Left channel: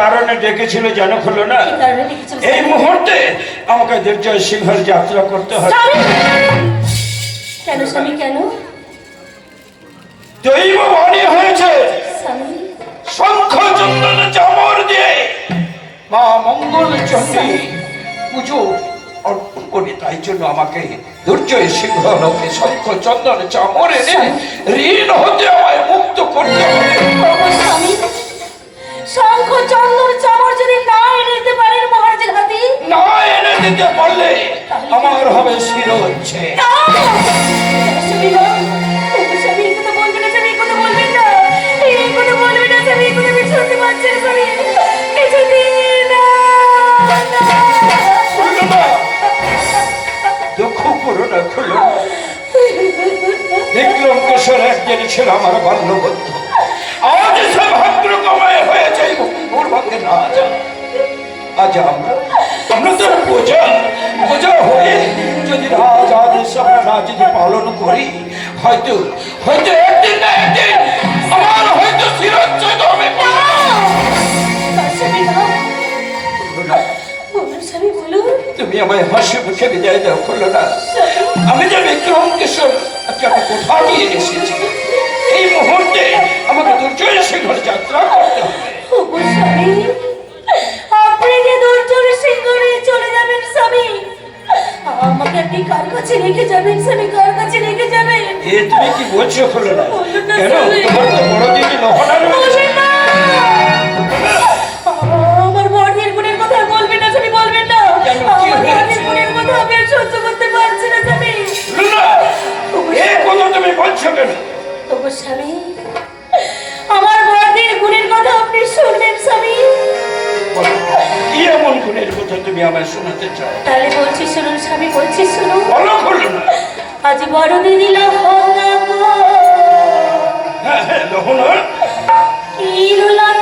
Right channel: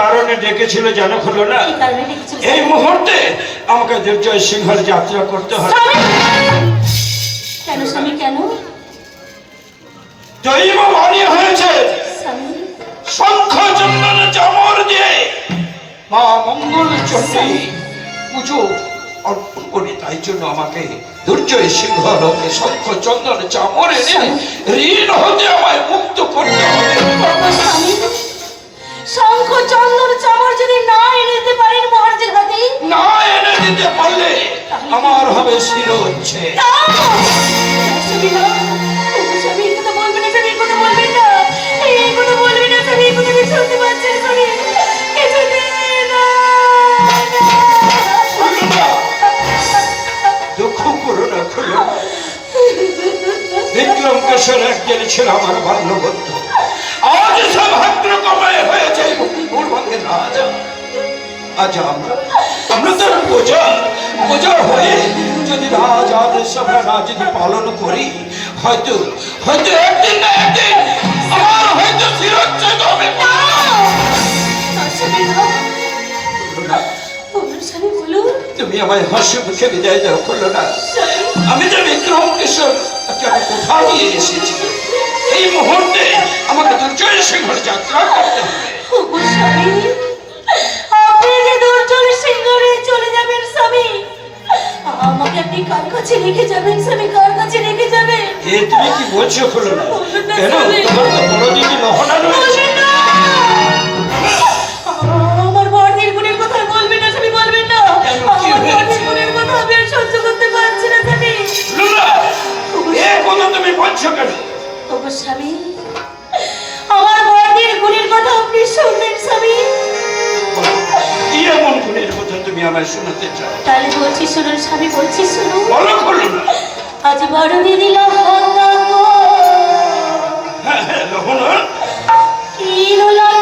কারণে ডেকেছিল জানো খুললো না? এই মুহূর্তে আমাকে দুর্জয় সিংহের যাত্রা করতে হবে। কেন স্বামী কেন? দৈব বাণী হয়েছে? শঙ্খ চন্দন চামর দিয়ে মা মঙ্গল চণ্ডী পুজো অর্পণ করে। তাই জন্য আমাকে দুর্জয় সিংহ লোকে শঙ্খ চন্দন চামর এনে ঋণ হতে আমায় মুক্ত করতে হবে। শঙ্খ চন্দন চামর যদি না এনে দিতে পারেন মহারাজের হাতে? না এনে দিতে পারলে আমার হবে শিরোচ্ছে না! স্বামী না! ওগো স্বামী, এই কথা বলবেন না, স্বামী, এই আমরা তো বোঝা হয়ে যদি রাজ আদেশ আমরা যদি পালন করি হয়তো হয়তো একদিন না একদিন আমার হয়তো শিরোচ্ছেদ হবে। তুমি আমায় হাসি মুখে বিদায় দাও করল না। আমি যে বিক্রম কিশোর আমি কোথাও নিয়ে এসেছি। এই মুহূর্তে আমাকে দুর্জয় সিংহর যাত্রা করতে হবে। সিংহরে চলে যাবেন স্বামী। আমাকে আপনি কার কাছে রেখে যাবেন স্বামী কার কাছে রেখে যাবেন। এ তুমি কি বলছো করল না? কেন? তোমার তো বড় দিদি মহানা রয়েছে আমার বড়দের গুণের কথা বলবেন না স্বামী বলবেন না। আমার বড়দের গুণের কথা আমি সহ্য করতে পারছি না স্বামী। এ কথা তুমি বলছো কেন? ওগো স্বামী তুমি আমায় শোনাতে চাও। তাহলে বলছি শুনুন স্বামী বলছি শুনুন বলো বলো আজ বড় দিদি হ্যাঁ হ্যাঁ কি হলো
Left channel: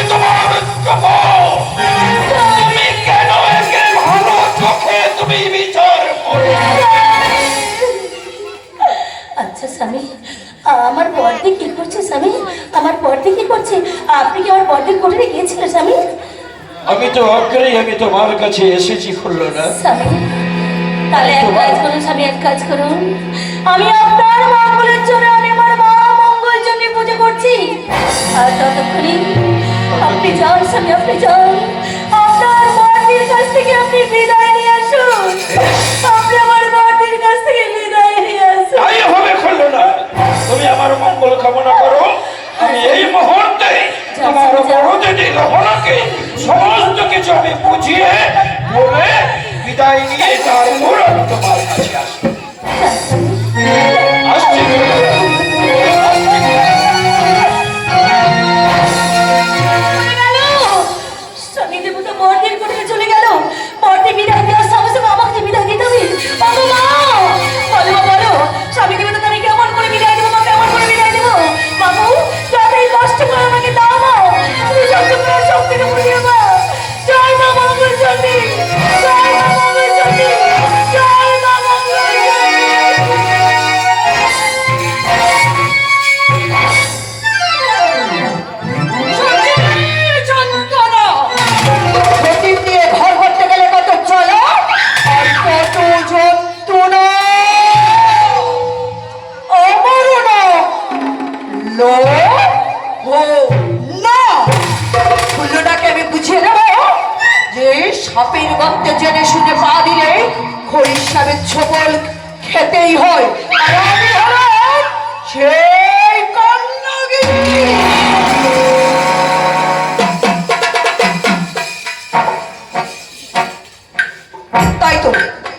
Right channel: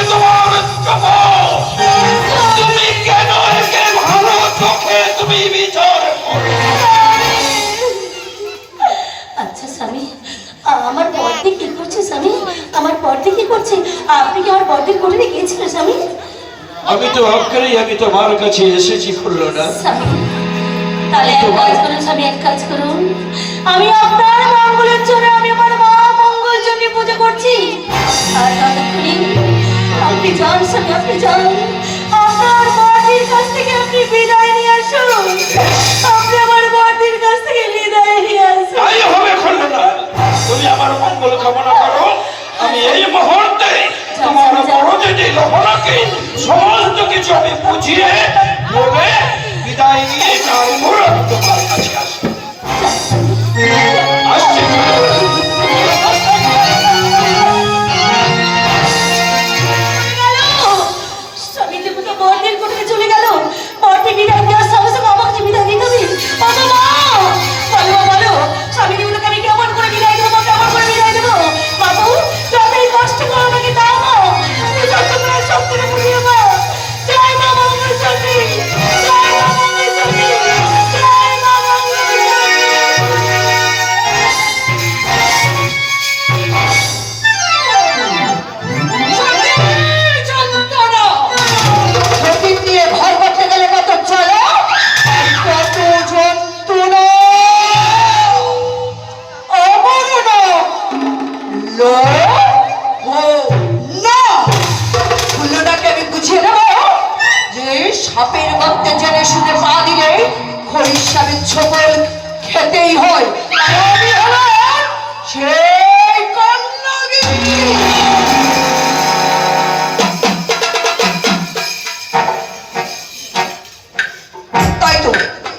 সম্পর্কে তোমার তুমি কেন একে ভালো চোখে তুমি বিচার আচ্ছা স্বামী আমার বর্দি কি করছে স্বামী? আমার বর্দি কি করছে? আপনি কি আমার বর্দির কোঠে গিয়েছিলেন স্বামী? আমি তো আগ্রহী আমি তোমার কাছে এসেছি খুললো না। তাহলে এক কাজ করুন স্বামী এক কাজ করুন। আমি আপনার মঙ্গলের জন্য আমি আমার মা মঙ্গলের জন্য পুজো করছি। আর ততক্ষণে আপনি যান স্বামী আপনি যান। আপনার মাটির কাছ থেকে আপনি বিদায় নিয়ে আসুন। আপনি আমার মাটির কাছ থেকে বিদায় নিয়ে আসুন। তাই হবে খুললো তুমি আমার মঙ্গল কামনা করো। আমি এই মুহূর্তে তোমার সমস্ত কিছু আমি বুঝিয়ে বলে বিদায় নিয়ে তারপর আমি তোমার কাছে আসব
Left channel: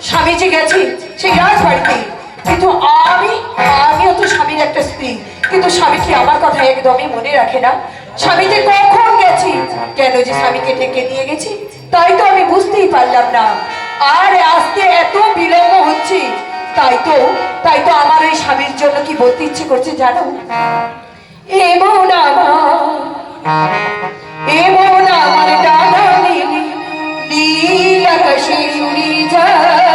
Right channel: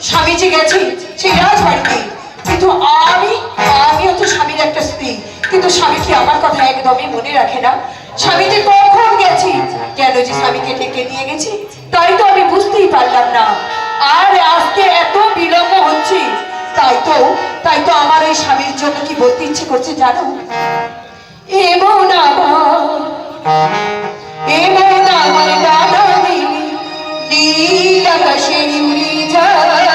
স্বামীজি গেছি সেই রাজবাড়িতে। কিন্তু আমি আমিও তো স্বামীর একটা স্ত্রী। কিন্তু স্বামী কি আমার কথা একদমই মনে রাখে না? স্বামীজি কখন গেছি? কেন যে স্বামীকে ডেকে নিয়ে গেছি? তাই তো আমি বুঝতেই পারলাম না। আর আজকে এত বিলম্ব হচ্ছে। তাই তো তাই তো আমার এই স্বামীর জন্য কি বলতে ইচ্ছে করছে জানো? এমন আমার এমন আমার ডানা আকাশে উড়ে যায়।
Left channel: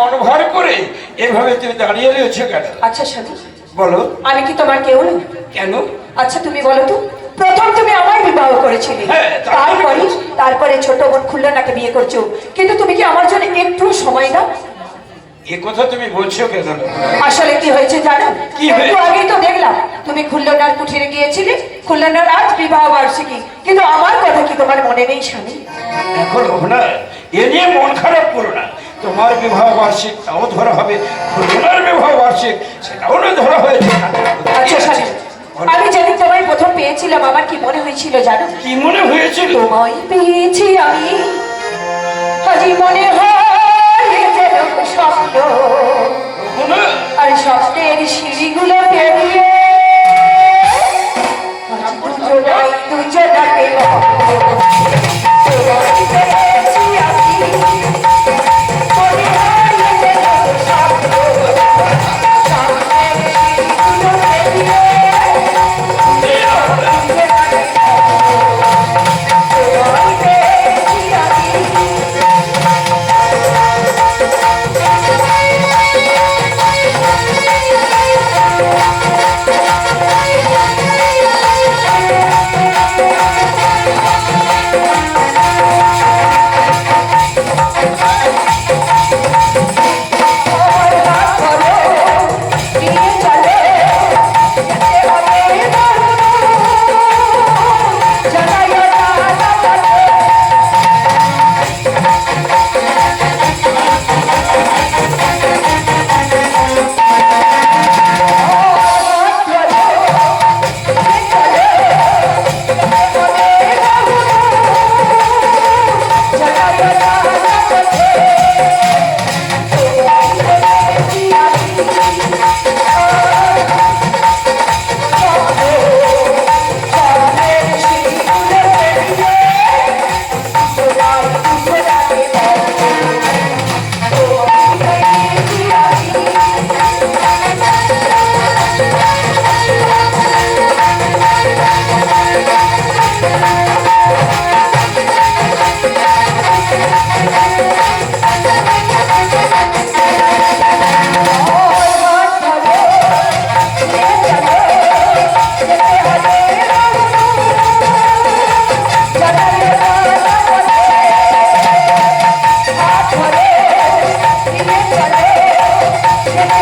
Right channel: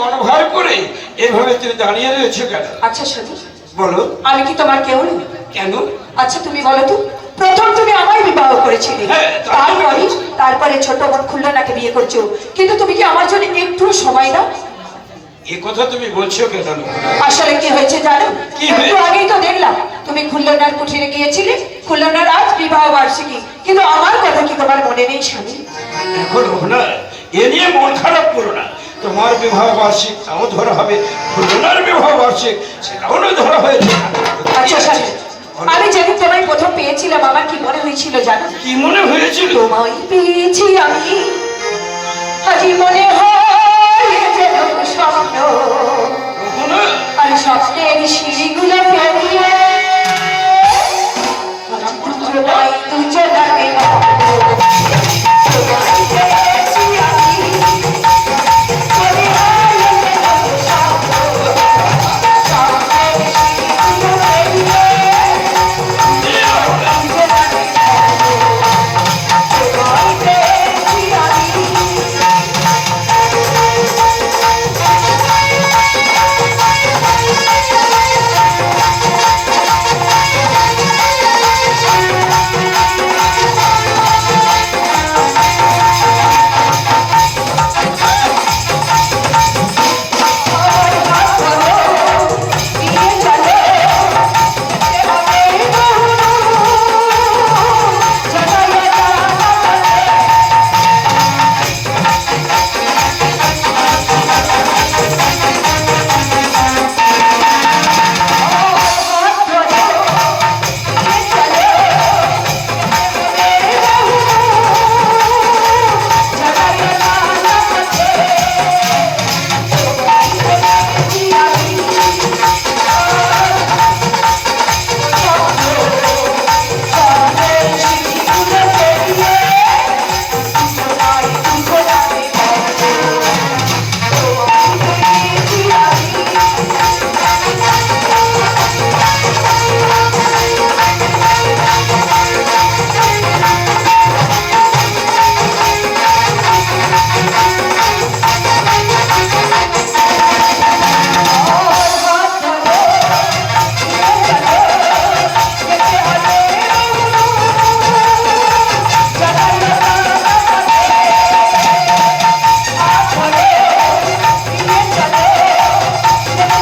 মনোভার করে এভাবে তুমি দাঁড়িয়ে রয়েছে কেন? আচ্ছা স্বামী বলো। আমি কি তোমার কেউ নই? কেন? আচ্ছা তুমি বলো তো। প্রথম তুমি আমার বিবাহ করেছিলে। হ্যাঁ, তারপরে তারপরে ছোট বোন খুল্লনাকে বিয়ে করছ। কিন্তু তুমি কি আমার জন্য একটু সময় দাও? এ কথা তুমি বলছো কেন? আসলে কি হয়েছে জানো? কি একটু? আগেই তো দেখলাম তুমি খুল্লনার কুঠিরে গিয়েছিলে। খুল্লনার আজ বিবাহ বার্ষিকী। কিন্তু আমার কথা কি তোমার মনে নেই স্বামী? এখন না এ নিয়ে মন খারাপ করো না। তোমার বিবাহ বার্ষিক তাও ধরা হবে। দুজনের বিবাহ বার্ষিক সেটাও না ধরা হয়েছে। আচ্ছা আমি যেদিন তোমায় প্রথম পেয়েছিলাম আমার কি মনে হয়েছিল জানো? কি মনে হয়েছিল? তোমায় পেয়েছি আমি।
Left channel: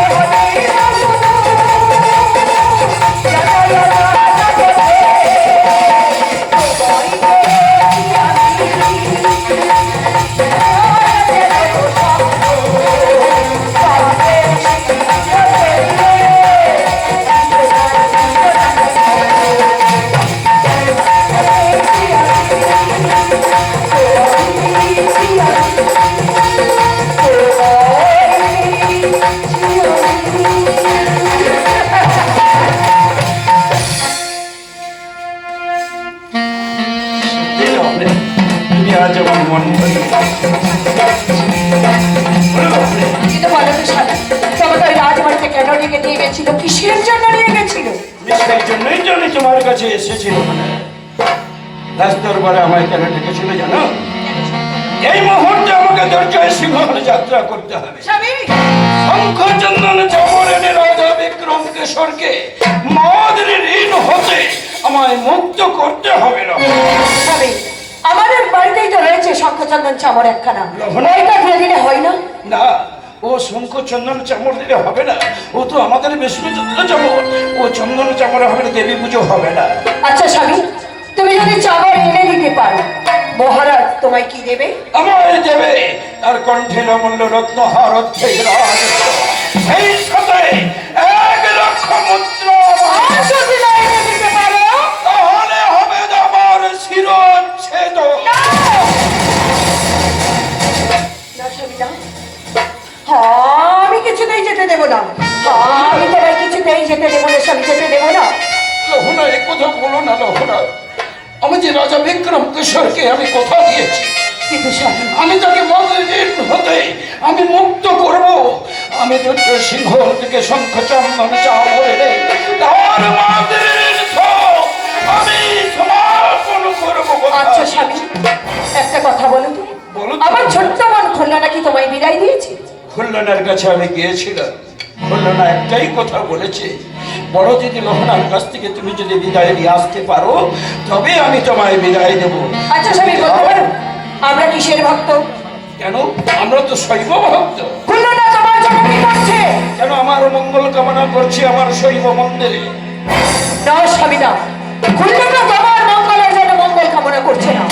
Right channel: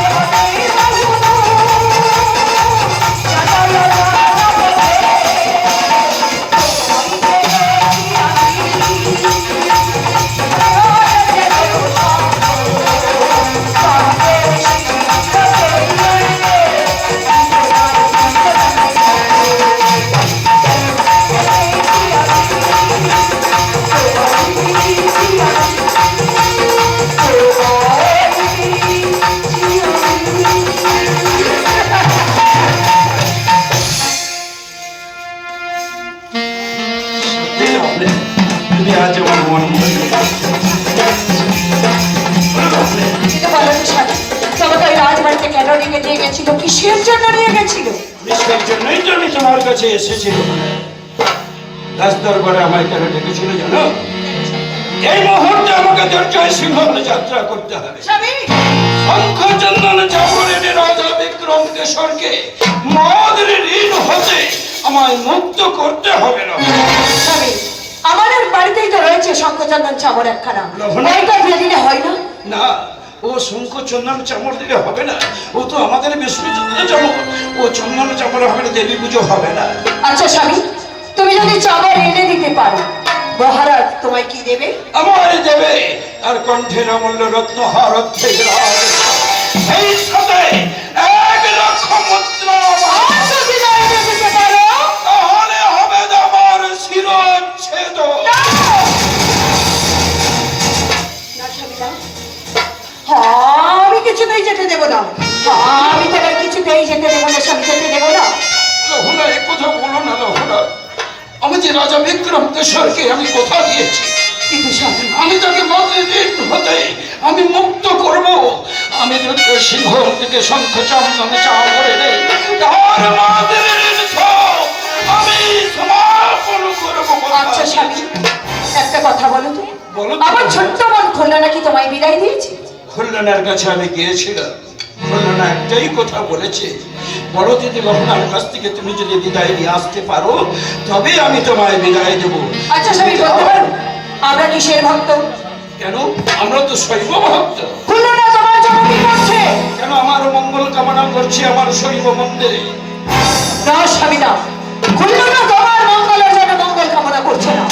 তুমি জন্য তোমার কাছে এসেছিল রাজ দরবারে আমায় কেন ডেকেছিল জানো? এই মুহূর্তে আমাকে দরজায় সিংহলে যাত্রা করতে হবে। শঙ্খচন্দন চাপরেনে রাজা বিক্রম কেশরকে মদের ঋণ হতে আমায় মুক্ত করতে হবে না। আমাদের বাড়িতেই তো রয়েছে শঙ্কচন্দন চামর একখানা। ওইটা হয় না? না। ও শঙ্খ চন্দন চামড় দিলে হবে না। ও তো আমাদের বিষ্ণু চন্দন চামড়। ও চন্দন চামড়ে হবে না দেবী পুজো হবে না। আচ্ছা স্বামী তুমি যদি চামর এনে দিতে পারো। মহারাজ তোমায় কি দেবে? আমায় দেবে। তার কণ্ঠের অমূল্য রত্ন হারত সেই সাথে আমি যে রাজা বিক্রম কেশরকে আমি কথা দিয়েছি? কিন্তু আমি তাকে হতে আমি মুক্ত করব। আমি রুদ্র সিংহ থেকে শঙ্খ চন্দনে তার আমি সমাপন করব। আচ্ছা স্বামী একটা কথা বলো তো। বলো আমার ছোট্ট মন খুলনা নাকি তোমায় বিদায় দিয়েছে? খুলনার কাছে আমি গিয়েছিলাম। খুলনা একটাই কথা বলেছে। বড় যদি লহনার কাছ থেকে তুমি যদি বিদায় নিয়ে আসতে পারো তবে আমি তোমায় বিদায় দেবো। আচ্ছা স্বামী আমরা কিসের ভক্ত? কেন? আমরা তো শৈব ভক্ত। কেন আমার মঙ্গল কামনা করছি আমার শৈব মন্দিরে না স্বামী না। খুলনা তোমার মঙ্গলের জন্য মঙ্গল কামনা করছে না।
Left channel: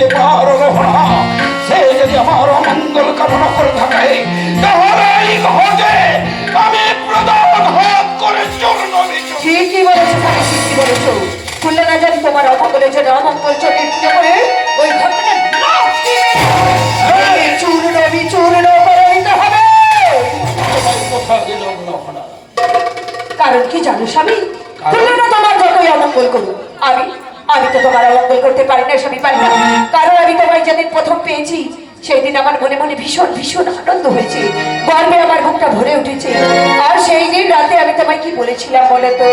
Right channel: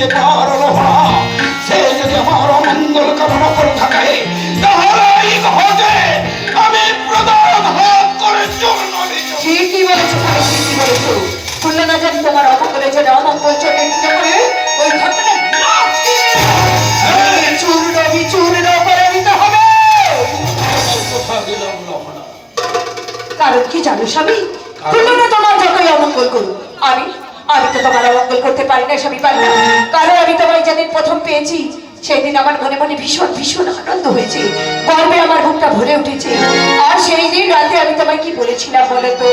দিতে পারো সে যদি আমার অমঙ্গল কামনা করে থাকে তাহলে এই আমি প্রদান হাত করে চূর্ণ ঠিকই বলেছ স্বামী ঠিকই বলেছ। খুলনা না জানি তোমার অমঙ্গলের জন্য অমঙ্গল চণ্ডীর পুজো করে ওই ঘটনা চূর্ণ বিচূর্ণ করে দিতে হবে। কথা কারণ কি জানো স্বামী? তুলনা তোমার যতই অমঙ্গল করুক। আমি আমি তো তোমার অমঙ্গল করতে পারি না স্বামী পারি না কারণ আমি তোমায় যেদিন প্রথম পেয়েছি সেদিন আমার মনে মনে ভীষণ ভীষণ আনন্দ হয়েছে। গর্বে আমার বুকটা ভরে উঠেছে। আর সেই দিন রাতে আমি তোমায় কি বলেছিলাম বলে তো?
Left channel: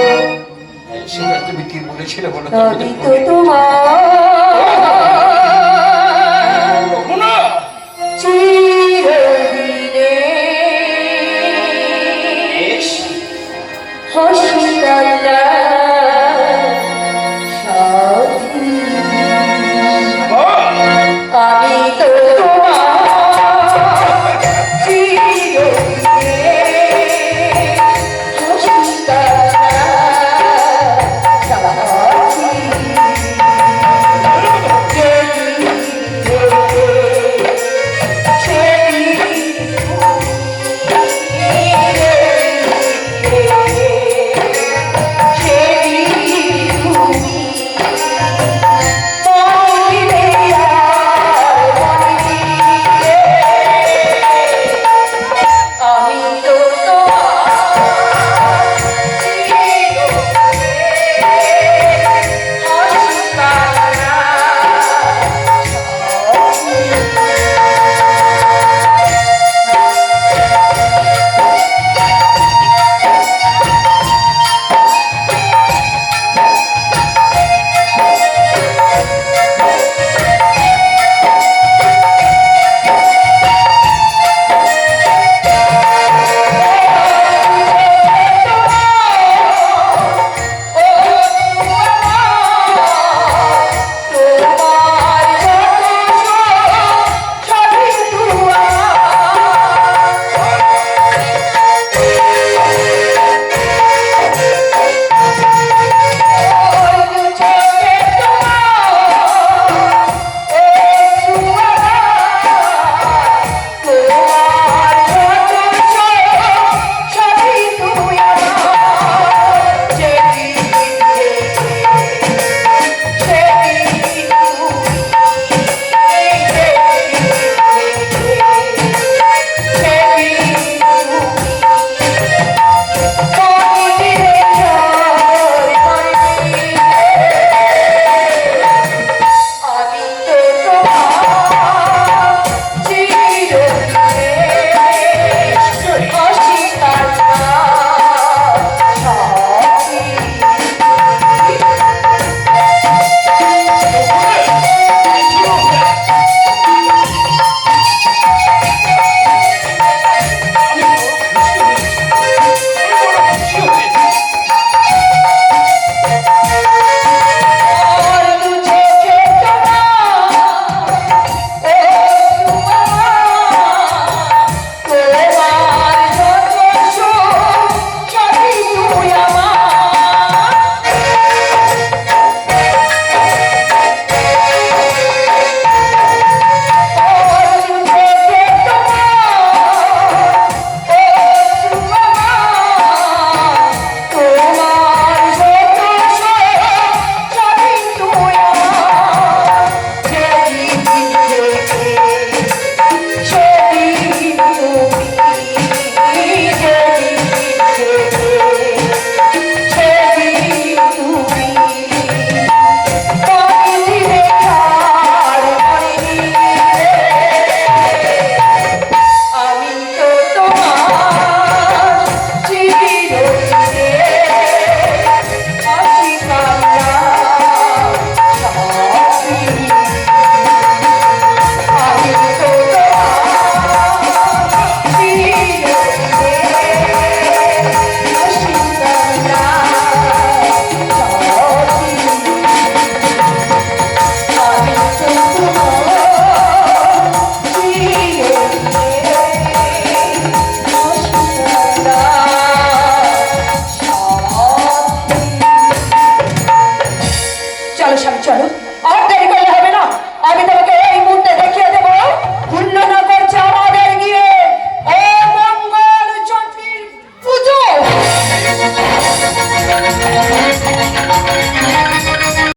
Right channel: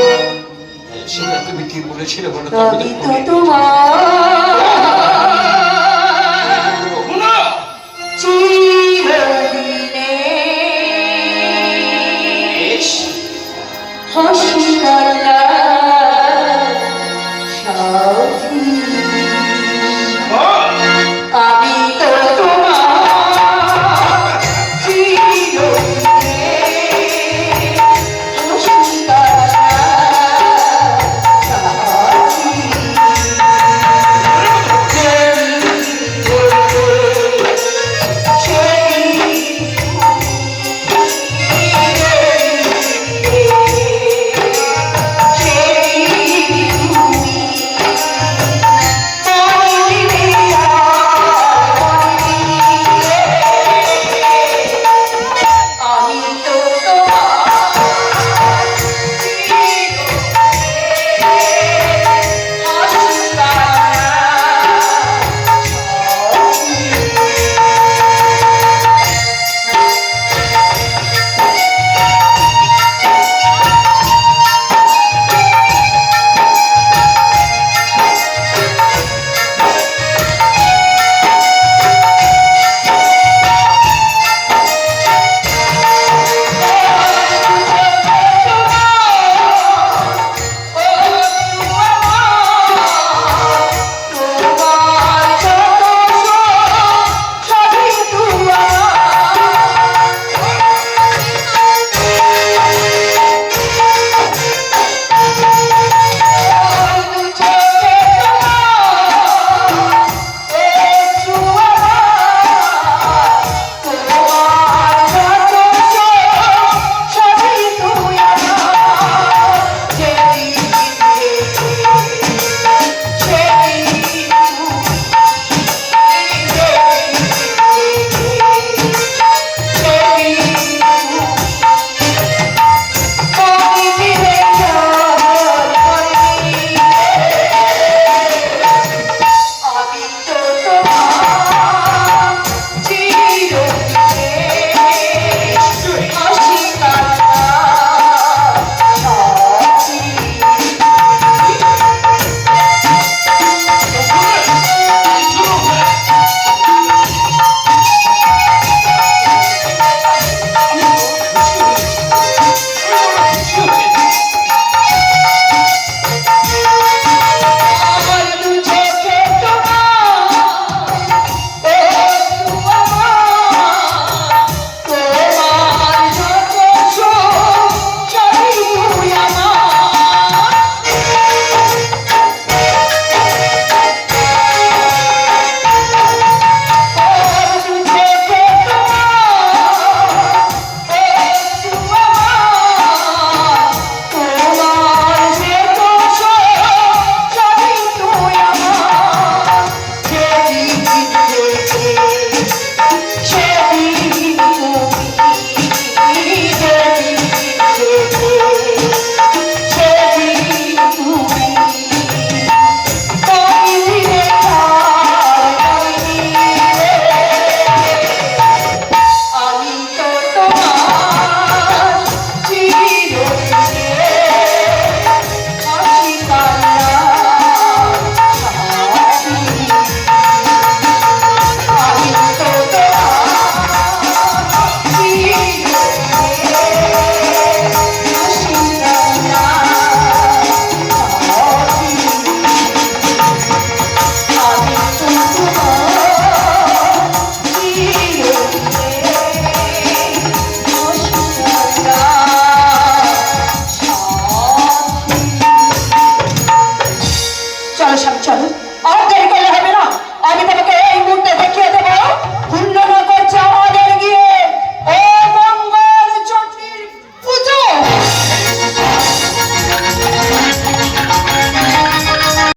তুমি কি বলেছিলে বলো তো তোমার